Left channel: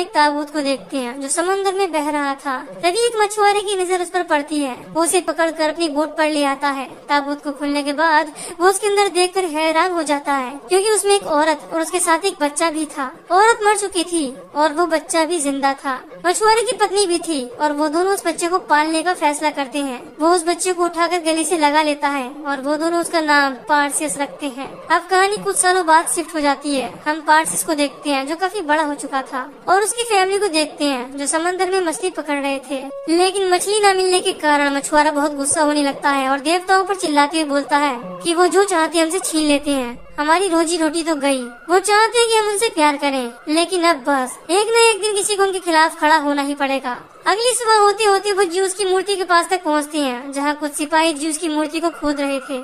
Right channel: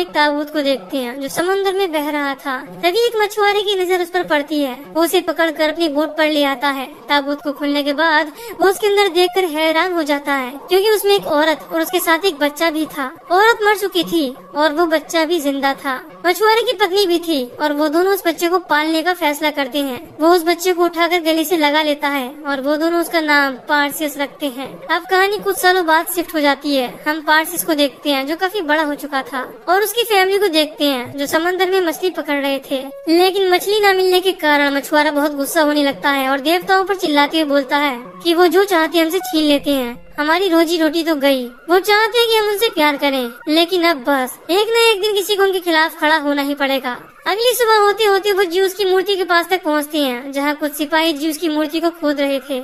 एक ताबूत को देखते हैं जो समुद्र में बह रहा था। तभी एक मछुआरे की नजर उस पर पड़ती है। वो उसे पकड़कर अपनी बोट पर ले आता है। ताबूत को खुलने के बाद वो उसके अंदर देखकर हैरान हो जाता है, क्योंकि उसमें एक औरत और उसके साथ एक बच्चा भी था। औरत मर चुकी थी और वो बच्चा भी जिंदा था। मछुआरे की पत्नी भी थी और वो दोनों उस बच्चे को पालने का फैसला करते हैं। वो उस बच्चे को उठाकर गले से लगा लेता है और वो दोनों उसका नाम पार्सियस रखते हैं। अब कहानी कुछ सालों बाद शिफ्ट हो जाती है। हम पार्सियस को देखते हैं जो काफी बड़ा हो चुका था, और उसकी फैमिली को देखते हैं जो समंदर में मछली पकड़ रहे थे। लेकिन मछली न मिलने के कारण मछुआरा बहुत गुस्सा होने लगता है और देवताओं पर चिल्लाते हुए बोलता है कि वो जो चाहते हमसे छीन लेते हैं। हमारी रोजी रोटी तो गई। वो चाहते हैं कि हम उनसे प्यार करें, लेकिन अब बस एक न एक दिन किसी को उनके खिलाफ खड़ा होना ही पड़ेगा। अगली सुबह होते होते वो ज्यूस की मूर्ति के पास तक पहुंचते हैं, जहां कुछ सिपाही ज्यूस की मूर्ति को खोद रहे थे।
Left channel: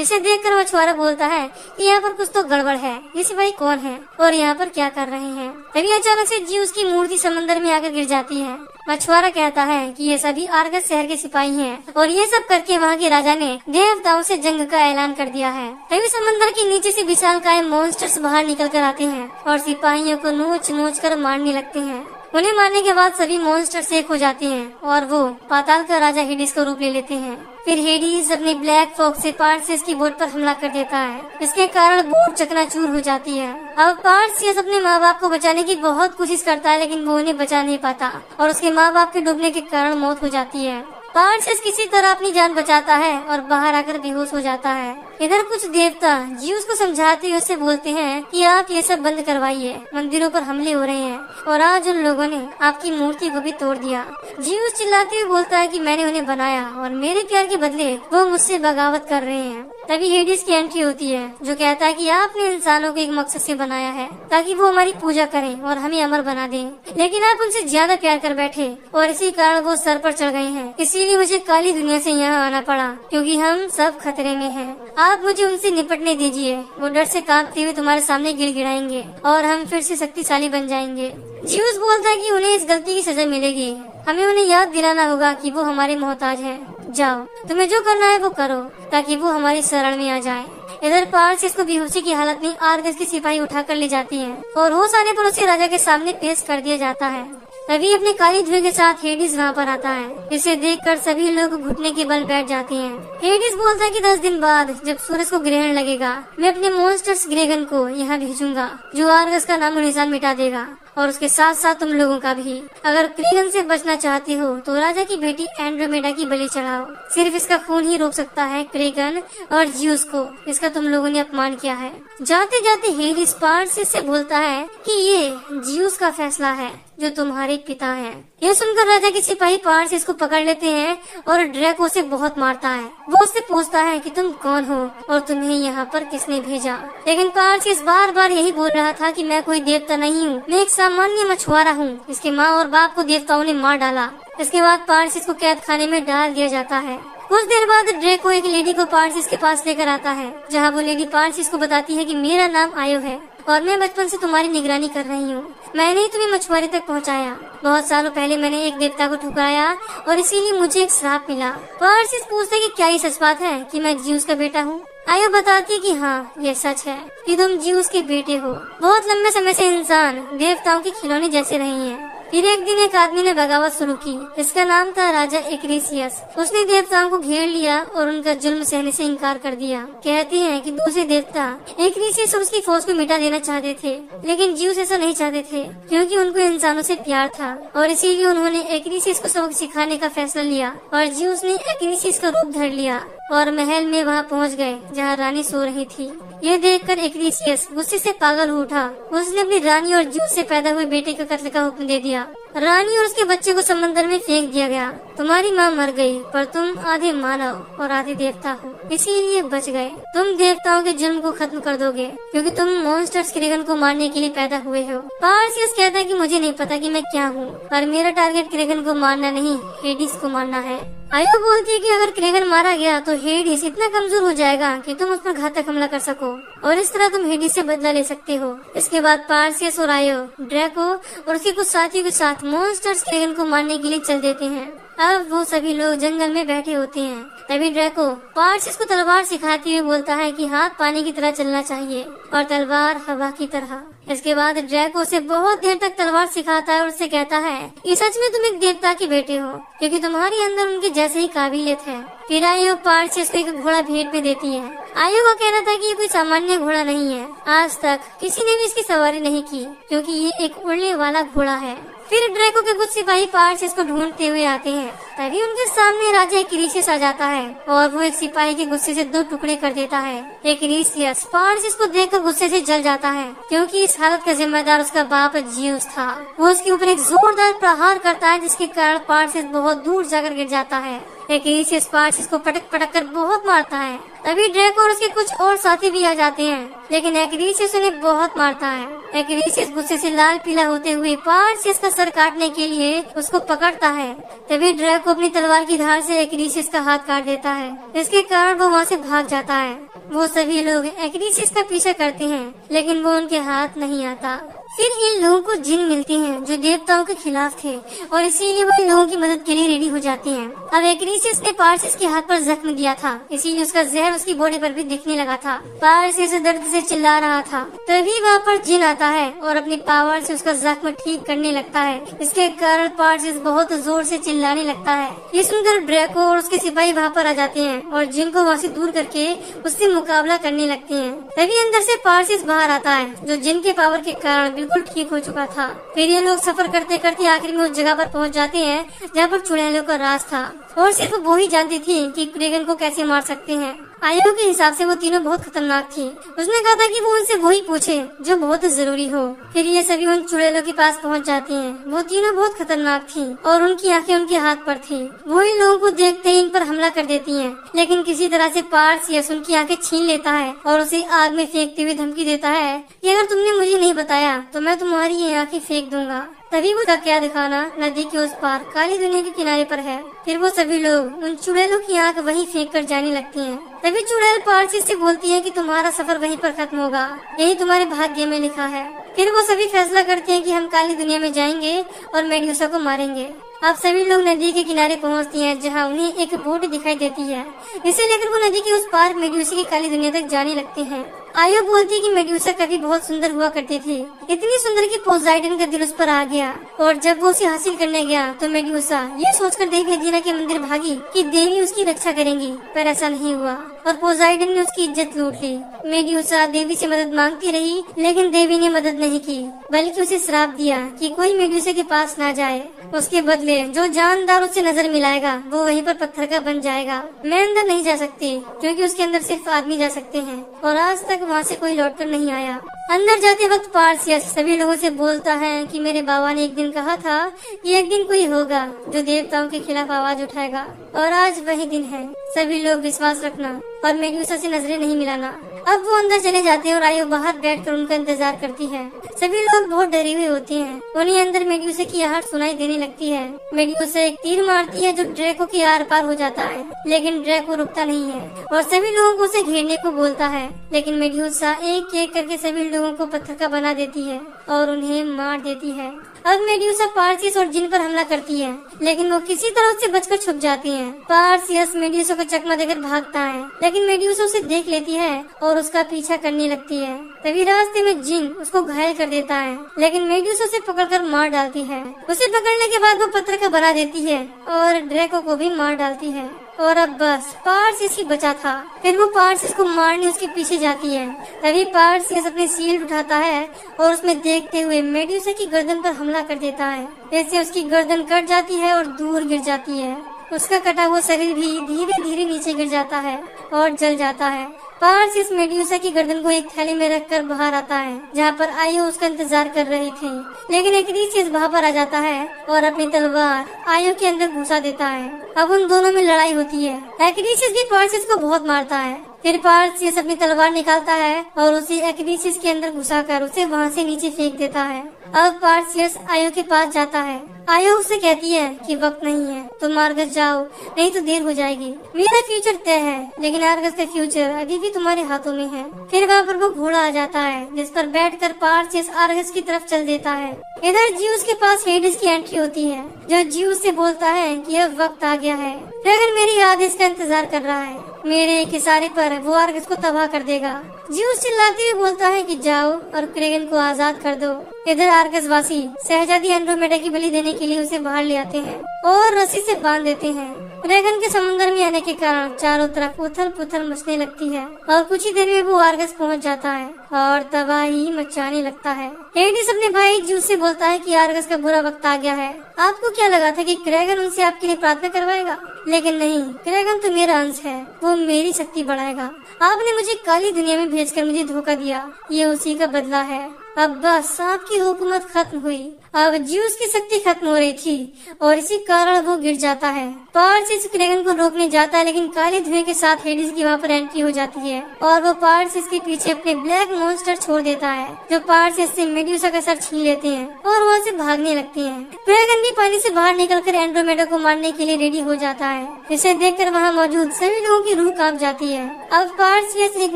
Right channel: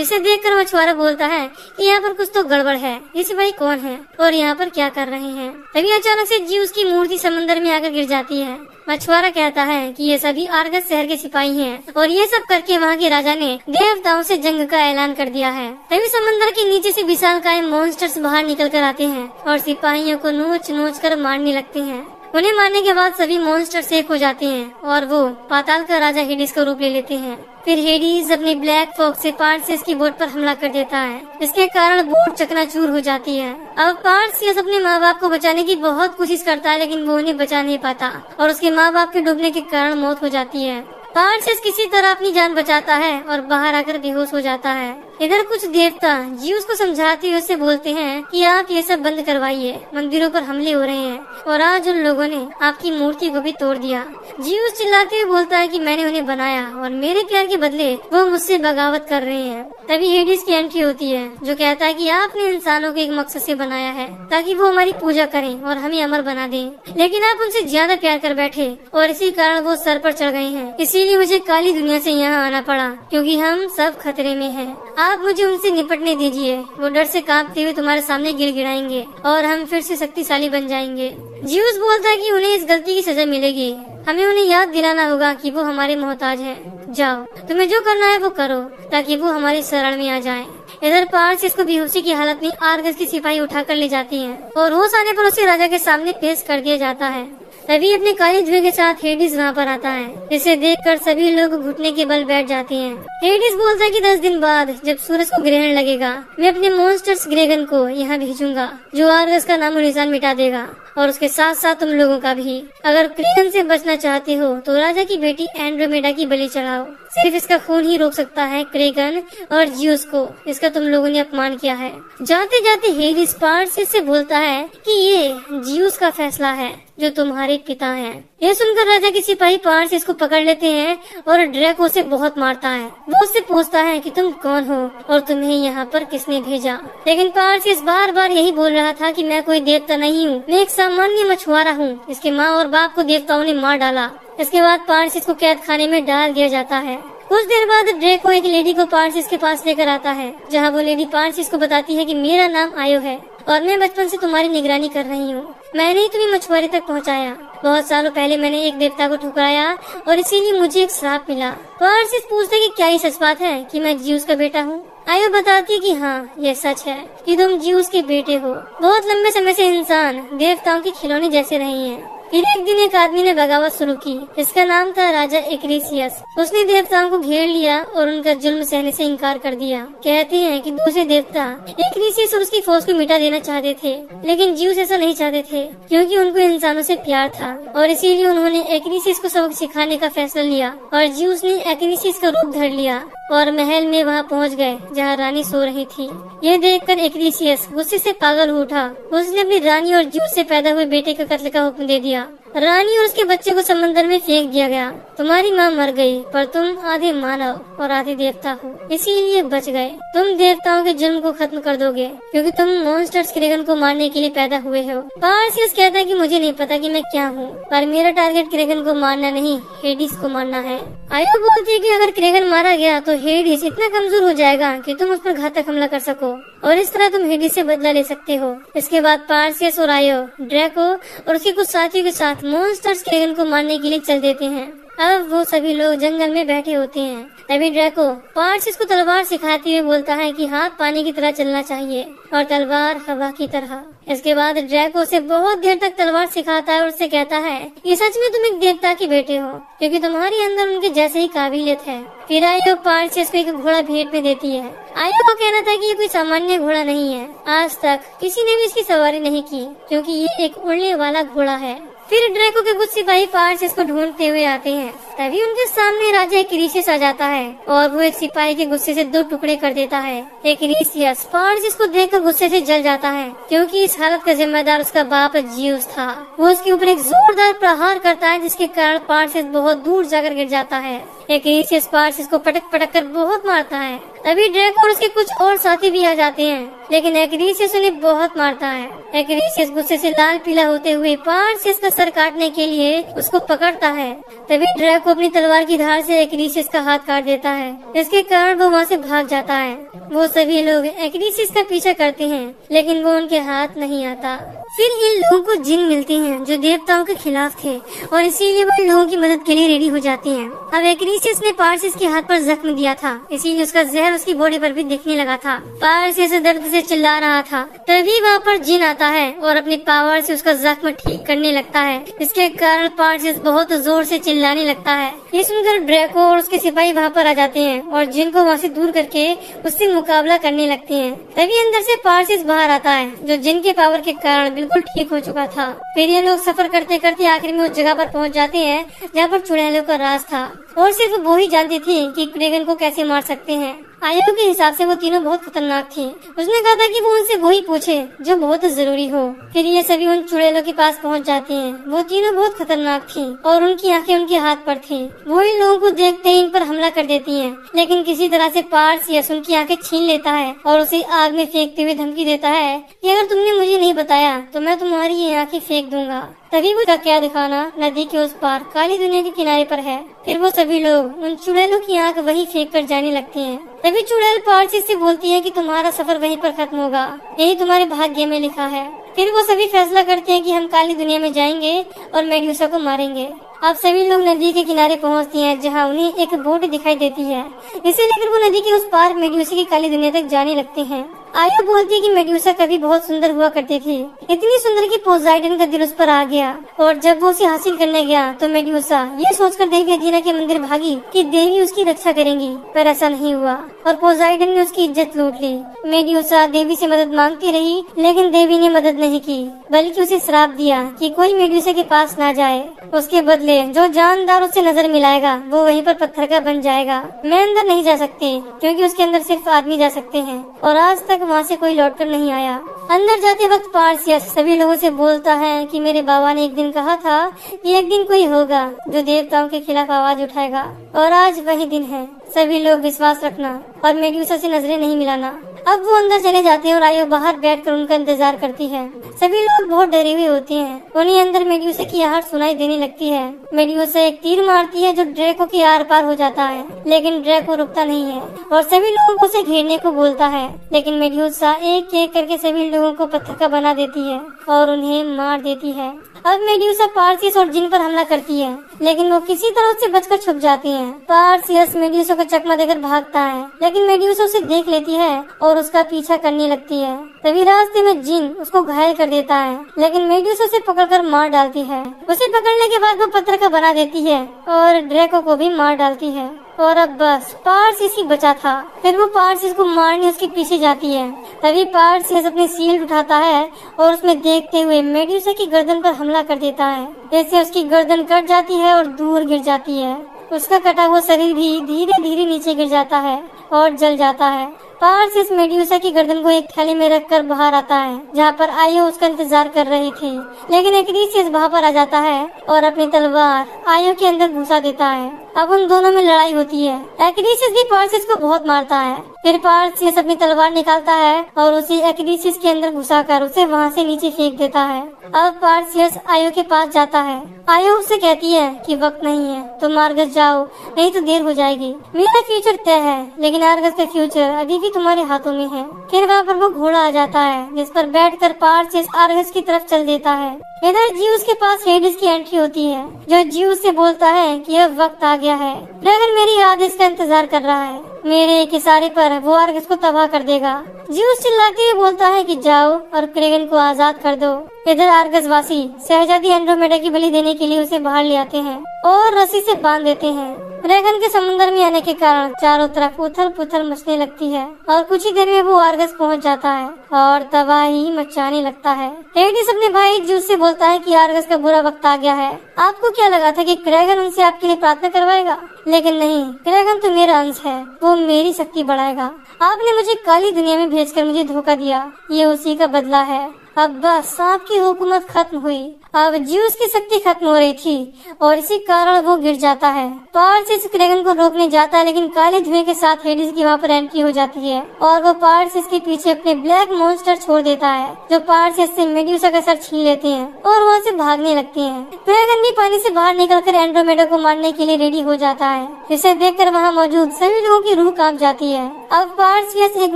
इसे देखकर मछुआरा बोलता है कि यहाँ पर कुछ तो गड़बड़ है। ये सिपाही कौन है और यहाँ पर क्या कर रहे हैं? तभी अचानक से ज्यूस की मूर्ति समंदर में आकर गिर जाती है। मछुआरा कहता है कि ये सभी आर्गस शहर के सिपाही हैं और ये सब करके वहाँ के राजा ने देवताओं से जंग का ऐलान कर दिया है। तभी समंदर के नीचे से विशालकाय मॉन्स्टर्स बाहर निकल कर आते हैं और सिपाहियों को नोच नोच कर मारने लगते हैं। उन्हें मारने के बाद सभी मॉन्स्टर एक हो जाते हैं और वो पाताल का राजा हेडिस का रूप ले लेते हैं। फिर हेडिस अपने ब्लैक फॉक्स से पार्सियस की बोट पर हमला कर देता है। इसके कारण बोट चकनाचूर हो जाती है। अब पार्सियस अपने माँ बाप को बचाने की बहुत कोशिश करता है, लेकिन वो उन्हें बचा नहीं पाता और उसके माँ बाप के डूबने के कारण मौत हो जाती है। पार्सियस किसी तरह अपनी जान बचाता है और बाहर आकर बेहोश हो जाता है। इधर कुछ देवता ज्यूस को समझाते हुए उसे बोलते हैं कि आप ये सब बंद करवाइए, मंदिरों पर हमले हो रहे हैं और आज उन लोगों ने आपकी मूर्ति को भी तोड़ दिया। ज्यूस चिल्लाते हुए बोलता है कि मैंने उन्हें बनाया और मेरे प्यार के बदले वो मुझसे बगावत कर रहे हैं। तभी हेडिस की एंट्री होती है जो कहता है कि आपने इंसानों को एक मकसद से बनाया है ताकि वो हमारी पूजा करें और हमें अमर बना दें, लेकिन आप उनसे ज्यादा प्यार कर बैठे और इसी कारण वो सर पर चढ़ गए हैं। इसीलिए मुझे काली दुनिया से यहाँ आना पड़ा, क्योंकि हम सब खतरे में हैं। आप मुझे उनसे निपटने दीजिए। वो डर से कांपते हुए तुम्हारे सामने गिड़गिड़ाएंगे और हम फिर से शक्तिशाली बन जाएंगे। ज्यूस बोलता है कि उन्हें इस गलती की सजा मिलेगी। हमें उन्हें याद दिलाना होगा कि वो हमारे मोहताज हैं। जाओ, तुम्हें जो करना है वो करो ताकि वो हमारी शरण में आ जाए। इधर पार्सियस को बेहोशी की हालत में आर्गस की सिपाही उठाकर ले जाते हैं और वो सारे पर उसे राजा के सामने पेश कर दिया जाता है। तभी अपने काली धुएं के साथ हेडिस वहाँ पर आता है, जिसे देखकर सभी लोग घुटने के बल बैठ जाते हैं। हेडिस बोलता है कि 10 दिन बाद जब सूरज को ग्रहण लगेगा, मैं अपने मॉन्स्टर्स ग्रेगन को यहाँ भेजूंगा जो आर्गस का नामो निशान मिटा देगा और उसके साथ साथ तुम लोगों का भी। अगर क्रेगन से बचना चाहते हो तो राजा की बेटी एंड्रोमेडा की बलि चढ़ाओ। सिर्फ इसका खून ही रोक सकता है क्रेगन और ज्यूस को, इसका तुम लोगों ने अपमान किया है। जाते जाते हेडिस पार्सियस से बोलता है कि ये ज्यूस का फैसला है जो तुम्हारे पिता हैं। यह सुनकर राजा के सिपाही पार्सियस को पकड़ लेते हैं और ड्रैको से बहुत मारता है। वो उससे पूछता है कि तुम कौन हो और तुम्हें यहाँ पर किसने भेजा। लेकिन पार्सियस बार बार यही बोल रहा था कि मैं कोई देवता नहीं हूँ, मैं एक सामान्य मछुआरा हूँ। इसके माँ और बाप को देवताओं ने मार डाला। इसके बाद पार्सियस को कैद खाने में डाल दिया जाता है। कुछ देर बाद ड्रेको एक लेडी को पार्सियस के पास लेकर आता है, जहाँ वो लेडी पार्सियस को बताती है कि मेरा नाम आयो है और मैं बचपन से तुम्हारी निगरानी कर रही हूँ। मैंने ही तुम्हें मछुआरे तक पहुँचाया। बहुत सालों पहले मैंने एक देवता को ठुकराया और इसीलिए मुझे एक श्राप मिला। पार्सियस पूछते कि क्या ये सच बात है कि मैं ज्यूस का बेटा हूँ? आयो बताती कि हाँ, ये सच है कि तुम ज्यूस के बेटे हो। बहुत लंबे समय से इंसान देवताओं के खिलौने जैसे रही हैं। फिर एक दिन एक आदमी ने बगावत शुरू की। इसका नाम था राजा एक्रीसियस। उसने देवताओं को घेर लिया और उनका जुल्म सहने से इनकार कर दिया। कहते हैं कि दूसरे देवता एक्रीसियस और उसकी फौज को मिटा देना चाहते थे, लेकिन ज्यूस ऐसा नहीं चाहते थे, क्योंकि उनको इंसानों से प्यार था और इसीलिए उन्होंने एक्रीसियस को सबक सिखाने का फैसला लिया और ज्यूस ने एक्रीसियस का रूप धर लिया और महल में वहाँ पहुँच गए जहाँ रानी सो रही थी। ये देखकर एक्रीसियस गुस्से से पागल हो उठा। उसने अपनी रानी और ज्यूस से पैदा हुए बेटे का कत्ल का हुक्म दे दिया। रानी और उसके बच्चे को समंदर में फेंक दिया गया। तुम्हारी माँ मर गई, पर तुम आधे मानव और आधे देवता हो, इसीलिए बच गए। तुम देवताओं के जुल्म को खत्म कर दोगे, क्योंकि तुम मॉन्स्टर्स क्रेगन को मारने के लिए पैदा हुए हो। पार्सियस कहता है कि मुझे नहीं पता कि मैं क्या हूँ, पर मेरा टारगेट क्रेगन को मारना नहीं, हेडिस को मारना है। आयो बोलती है कि अगर क्रेगन मारा गया तो हेडिस इतना कमजोर हो जाएगा कि तुम उस पर घातक हमला कर सको और इस तरह तुम हेडिस से बदला ले सकते हो। इसके बाद पार्सियस और आयो ड्रैको और उसके कुछ साथियों के साथ मॉन्स्टर्स क्रेगन को मारने के लिए चल देते हैं। अब वो सभी लोग जंगल में बैठे होते हैं। तभी ड्रैको पार्सियस को तलवार सिखाते हुए बोलता है कि हाथ पानी की तरह चलना चाहिए और तलवार हवा की तरह। इसके बाद ड्रैको उसे बहुत देर तक तलवार सिखाता है और उससे कहता है कि सच में तुम एक देवता के बेटे हो, क्योंकि तुम्हारे अंदर उनके जैसे ही काबिलियत है। फिर आयो पार्सियस को एक घोड़ा भेंट में देती है। आयो का कहना था कि ये कोई सामान्य घोड़ा नहीं है, आज तक किसी ने भी इसकी सवारी नहीं की, क्योंकि ये एक उड़ने वाला घोड़ा है। फिर ड्रैको के कुछ सिपाही पार्सियस को ढूंढते हुए आते हैं। तभी उनके सामने राजा एक्रीसियस आ जाता है और वो एक सिपाही के गुस्से से 2 टुकड़े कर देता है। एक्रीसियस पार्सियस को देखकर गुस्से से जल जाता है, क्योंकि इस हालत का जिम्मेदार उसका बाप जियूस था। वो उसके ऊपर एक जोरदार प्रहार करता है, जिसके कारण पार्सियस बहुत दूर जाकर गिर जाता है। एक्रीसियस पार्सियस को पटक पटक कर बहुत मारता है। तभी ड्रैको और उसके कुछ और साथी भी आ जाते हैं, लेकिन एक्रीसियस उन्हें बहुत मारता है। एक्रीसियस गुस्से से लाल पीला होते हुए पार्सियस का सर काटने के लिए उसको पकड़ता है। तभी ड्रैको अपनी तलवार की धार से एक्रीसियस का हाथ काट देता है। इसके कारण वो वहाँ से भाग जाता है। वो सभी लोग एक्रीसियस का पीछा करते हैं, लेकिन वो उनके हाथ नहीं आता। फिर इन लोगों को जिन मिलती हैं जो देवताओं के खिलाफ थे, और इसीलिए वो इन लोगों की मदद के लिए रेडी हो जाते हैं। अब एक्रीसियस ने पार्सियस के हाथ पर जख्म दिया था, इसीलिए उसका जहर उसकी बॉडी पर भी दिखने लगा था। पार्सियस दर्द से चिल्ला रहा था। तभी वहाँ पर जिन आता है और अपने पावर से उसका जख्म ठीक करने लगता है, जिसके कारण पार्सियस बहुत जोर से चिल्लाने लगता है। ये सुनकर ड्रैको और उसके सिपाही वहाँ पर आ जाते हैं और जिन को वहाँ से दूर करके उससे मुकाबला करने लगते हैं। तभी अंदर से पार्सियस बाहर आता है, जो जिन के पावर के कारण बिल्कुल ठीक हो चुका था। फिर ये लोग सफर करते करते आखिर में उस जगह पर पहुंच जाते हैं जहाँ पर चुड़ैलों का राज था, और सिर्फ वो ही जानते थे कि ड्रैगन को कैसे मार सकते हैं। आयो के हिसाब से वो तीनों बहुत खतरनाक थे। उसने कहा था कि वो उनसे वही पूछे जो बहुत जरूरी हो। फिर ये सभी उन चुड़ैलों के पास पहुंच जाते हैं। वो तीनों बहुत खतरनाक थी और उनकी आंखें उनके हाथ पर थी। वो इन लोगों को देखते ही इन पर हमला कर देती हैं, लेकिन किसी तरह से पार्सियस उनकी आंखें छीन लेता है और उसे आग में फेंकते हुए धमकी देता है कि अगर तुमने मुझे नहीं बताया तो मैं तुम्हारी ये आंखें फेंक दूंगा। तभी वो का क्या दिखाना नदी के उस पार काली दुनिया के किनारे पर है। फिर वो सभी लोग उन चुड़ैलों की आग वहीं फेंक कर जाने लगते हैं। तभी चुड़ैल पार्सियस से बोलती है कि तुम्हारा सफर वहीं पर खत्म होगा, यही तुम्हारे भाग्य में लिखा है। फिर वो सभी फैसला करते हैं कि हम काली दुनिया में जाएंगे और मेड्यूसा को मारेंगे। अब सभी लोग नदी के किनारे पहुंचते हैं, जहां उन्हें एक बोट दिखाई देती है। इसे लेकर वो नदी के उस पार मेड्यूसा की काली दुनिया तक जाने लगते हैं। आया बोलती है कि मेड्यूसा कभी बहुत सुंदर हुआ करती थी, इतनी सुंदर कि पोसाइडन का दिल उस पर आ गया। और जब वो उसे हासिल करने गया तो मेड्यूसा ये सोचकर देवी अथेना के मंदिर भागी कि देवी उसकी रक्षा करेंगी, पर ऐसा नहीं हुआ और पोसाइडन ने उसकी इज्जत लूट ली। मेड्यूसा देवी से मदद मांगती रही, लेकिन देवी ने मदद नहीं की, बल्कि उसे श्राप दिया कि कोई मेड्यूसा के पास ना जाए। उसके बदले जो जानदार उससे नजर मिलाएगा वो वहीं पर पत्थर का बन जाएगा। मैं अंदर नहीं जा सकती, क्योंकि उसके अंदर सिर्फ आदमी जा सकते हैं, और आज तक वहाँ से कोई लौटकर नहीं आया। अंदर जाते वक्त पार्सियस सभी लोगों से बोलता है कि मेरे बाबा ने एक दिन कहा था कि एक दिन कोई होगा जो देवताओं के खिलाफ आवाज उठाएगा, और आज वही दिन है। सभी लोग विश्वास रखना और मेड्यूसा से नजरें नहीं मिलाना। अब वो अंदर चले जाते हैं और आयो बाहर बैठकर उनका इंतजार करती है। सभी लोग बहुत डरे हुए होते हैं। उन्हें अंदर मेड्यूसा की आहट सुनाई देने लगती है। मेड्यूसा एक तीर मारती है जो ड्रैको के आर पार हो जाता है, लेकिन ड्रैको रुकता नहीं है और सभी लोगों को उसे घेरने को बोलता है। लेकिन मेड्यूसा एक एक करके सभी लोगों को पत्थर का बना देती है और उन्हें मार देती है। अब मेड्यूसा पार्सियस और जिन पर हमला करती है, लेकिन वो किसी तरह उससे बचकर छुप जाती हैं। पार्सियस मेड्यूसा का चकमा देकर भागता है, लेकिन मेड्यूसा उसे देख लेती है और उसका पीछा करने लगती है। तभी रास्ते में जिन उसको घायल कर देता है, लेकिन मेड्यूसा उसे पकड़कर मार डालती है। उसे पकड़ने के बाद वो पत्थर का बना देती है और ड्रैको को भी मार डालती है। और अब बस पार्सियस ही बचा था। फिर वो पार्सियस को मारने उसके पीछे जाती है। तभी पार्सियस अपने शील्ड उठाता है और उसमें देखते हुए मेड्यूसा की गर्दन पर हमला कर देता है। जैसे उसकी गर्दन कट जाती है और दूर गिर जाती है। उसका कटा हुआ शरीर भी धीरे धीरे नीचे गिर जाता है और जल जाता है। पार्सियस मेड्यूसा की गर्दन को एक थैली में रखकर बाहर आता है, जहाँ पर आयो उसका इंतजार कर रही थी। लेकिन एक्रीसियस वहाँ पर आ जाता है और अपनी तलवार आयो के अंदर घुसा देता है। अब उन दोनों में लड़ाई होती है। एक्रीसियस भी पार्सियस को बहुत मारता है, फिर पार्सियस अपनी तलवार निकालता है और उसे एक्डीसिस के अंदर घुसाकर उसे वहाँ से नीचे फेंक देता है। अब पार्सियस आयो के पास जाता है। आयो उससे कहती है कि वक्त नहीं है, तुम आर्गस जाओ, नहीं तो देर हो जाएगी। मेरा फ्यूचर तय है, लेकिन आर्गस का फ्यूचर अभी भी तुम्हारे हाथों में है। फिर वहाँ पर वो घोड़ा आ जाता है जिस पर बैठकर पार्सियस आर्गस की तरफ चल देता है। इधर ज्यूस के पास हेडिस की एंट्री होती है, जो ज्यूस से बोलता है कि अब वक्त आ गया है। ड्रैगन मेरी आदेश का इंतजार कर रहा है, मेरे एक इशारे पर वो आर्गस को तबाह कर देगा। ज्यूस चिल्लाते हुए बोलता है कि जाओ और क्रेगन को आजाद कर दो। इधर आर्गस वासी शहजादी एंड्रोमेडा की बलि देने के लिए उसे बाहर ले आते हैं और रस्सी से बांध देते हैं। ड्रैगन के समुद्र में आने के कारण चारों तरफ उथल पुथल मचने लगती है और कुछ ही देर में वो आर्गस पहुंच जाता है और तबाही मचाने लगता है। हेडिस अपने भाई ज्यूस से बोलता है कि आर्गस का बुरा वक्त आ गया है। आपको क्या लगा था कि क्रेगन उनसे आपके लिए प्रार्थना करवाएगा? लेकिन नहीं, क्रेगन तो मेरा अंश है, वो मेरी शक्ति बढ़ाएगा। आपने मुझे काली दुनिया में भेजकर मुझे धोखा दिया, ये उसी का बदला है। अब बस सांप की हुकूमत खत्म हुई। अब ज्यूस की शक्ति खत्म हो रही थी और इसी कारण वो गिर जाता है। पार्सियस क्रेगन को रोकने जाता है, लेकिन काले धुएं के साथ हेडिस की वहाँ पर एंट्री हो जाती है और वो पार्सियस के पीछे अपने ब्लैक मॉन्स्टर छोड़ देता है, जो पार्सियस से मेड्यूसा का सर छीन लेते हैं और वहाँ से भागने लगते हैं। क्रेगन भी पानी से बाहर निकलकर एंड्रोमेडा को मारने के लिए रेडी हो जाता है। इसे देखकर वहाँ मौजूद सभी लोगों की रूह कांप जाती है। अब पार्सियस एक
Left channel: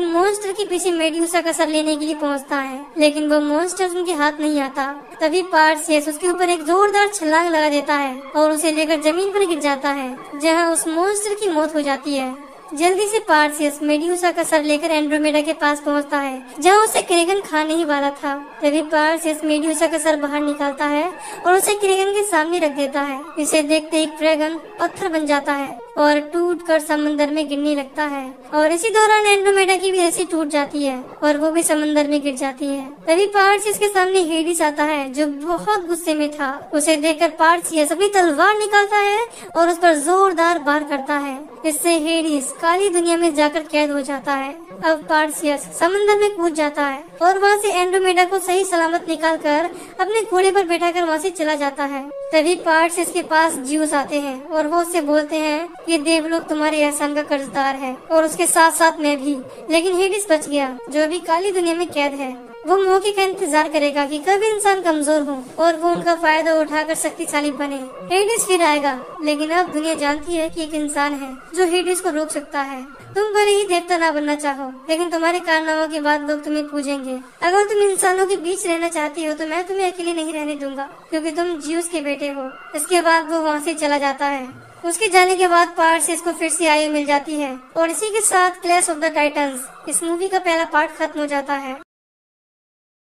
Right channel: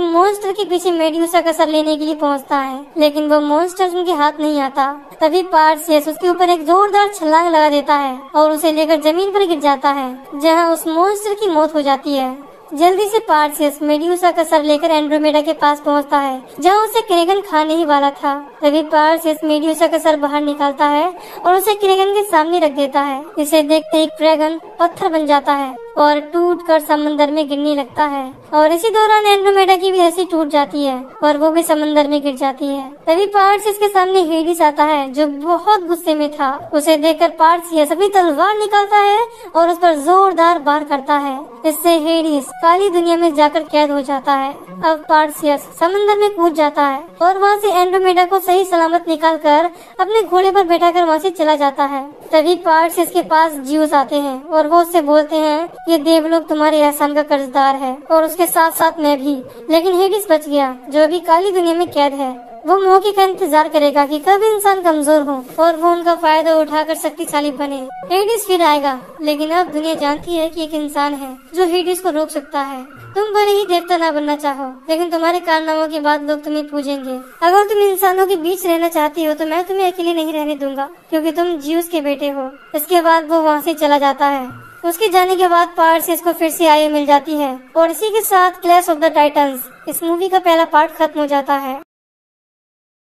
मॉन्स्टर के पीछे मेड्यूसा का सर लेने के लिए पहुँचता है, लेकिन वो मॉन्स्टर उनके हाथ नहीं आता। तभी पार्सियस उसके ऊपर एक जोरदार छलांग लगा देता है और उसे लेकर जमीन पर गिर जाता है, जहां उस मॉन्स्टर की मौत हो जाती है। जल्दी से पार्सियस मेड्यूसा का सर लेकर एंड्रोमेडा के पास पहुंचता है, जहां उसे क्रेगन खाने ही वाला था। तभी पार्सियस मेड्यूसा का सर बाहर निकालता है और उसे क्रेगन के सामने रख देता है। इसे देखते ही क्रेगन पत्थर बन जाता है और टूटकर समंदर में गिरने लगता है और इसी दौरान एंड्रोमेडा की भी रस्सी टूट जाती है और वो भी समंदर में गिर जाती है। तभी पार्सियस के सामने हेडिस आता है, जो बहुत गुस्से में था। उसे देखकर पार्सियस अपनी तलवार निकालता है और उस पर जोरदार वार करता है। इससे हेडिस काली दुनिया में जाकर कैद हो जाता है। अब पार्सियस समंदर में कूद जाता है और वहाँ से एंड्रोमेडा को सही सलामत निकालकर अपने घोड़े पर बैठाकर वहाँ से चला जाता है। तभी पार्सियस के पास ज्यूस आते हैं और वो उससे बोलते हैं ये देवलोक तुम्हारे एहसान का कर्जदार है और उसके साथ साथ मैं भी। लेकिन हेडिस बच गया, जो अभी काली दुनिया में कैद है। वो मौके का इंतजार करेगा कि कब इंसान कमजोर हो और वो उनका फायदा उठाकर शक्तिशाली बने। हेडिस फिर आएगा, लेकिन अब दुनिया जानती है कि एक इंसान है जो हेडिस को रोक सकता है। तुम भले ही देवता न बनना चाहो, लेकिन तुम्हारे कारनामों के बाद लोग तुम्हें पूजेंगे। अगर तुम इंसानों के बीच रहना चाहती हो तो मैं तुम्हें अकेले नहीं रहने दूंगा, क्योंकि तुम ज्यूस के बेटे हो। इसके बाद वो वहाँ से चला जाता है। उसके जाने के बाद पार्सियस को फिर से आयु मिल जाती है और इसी के साथ क्लैश ऑफ द टाइटंस इस मूवी का पहला पार्ट खत्म हो जाता है।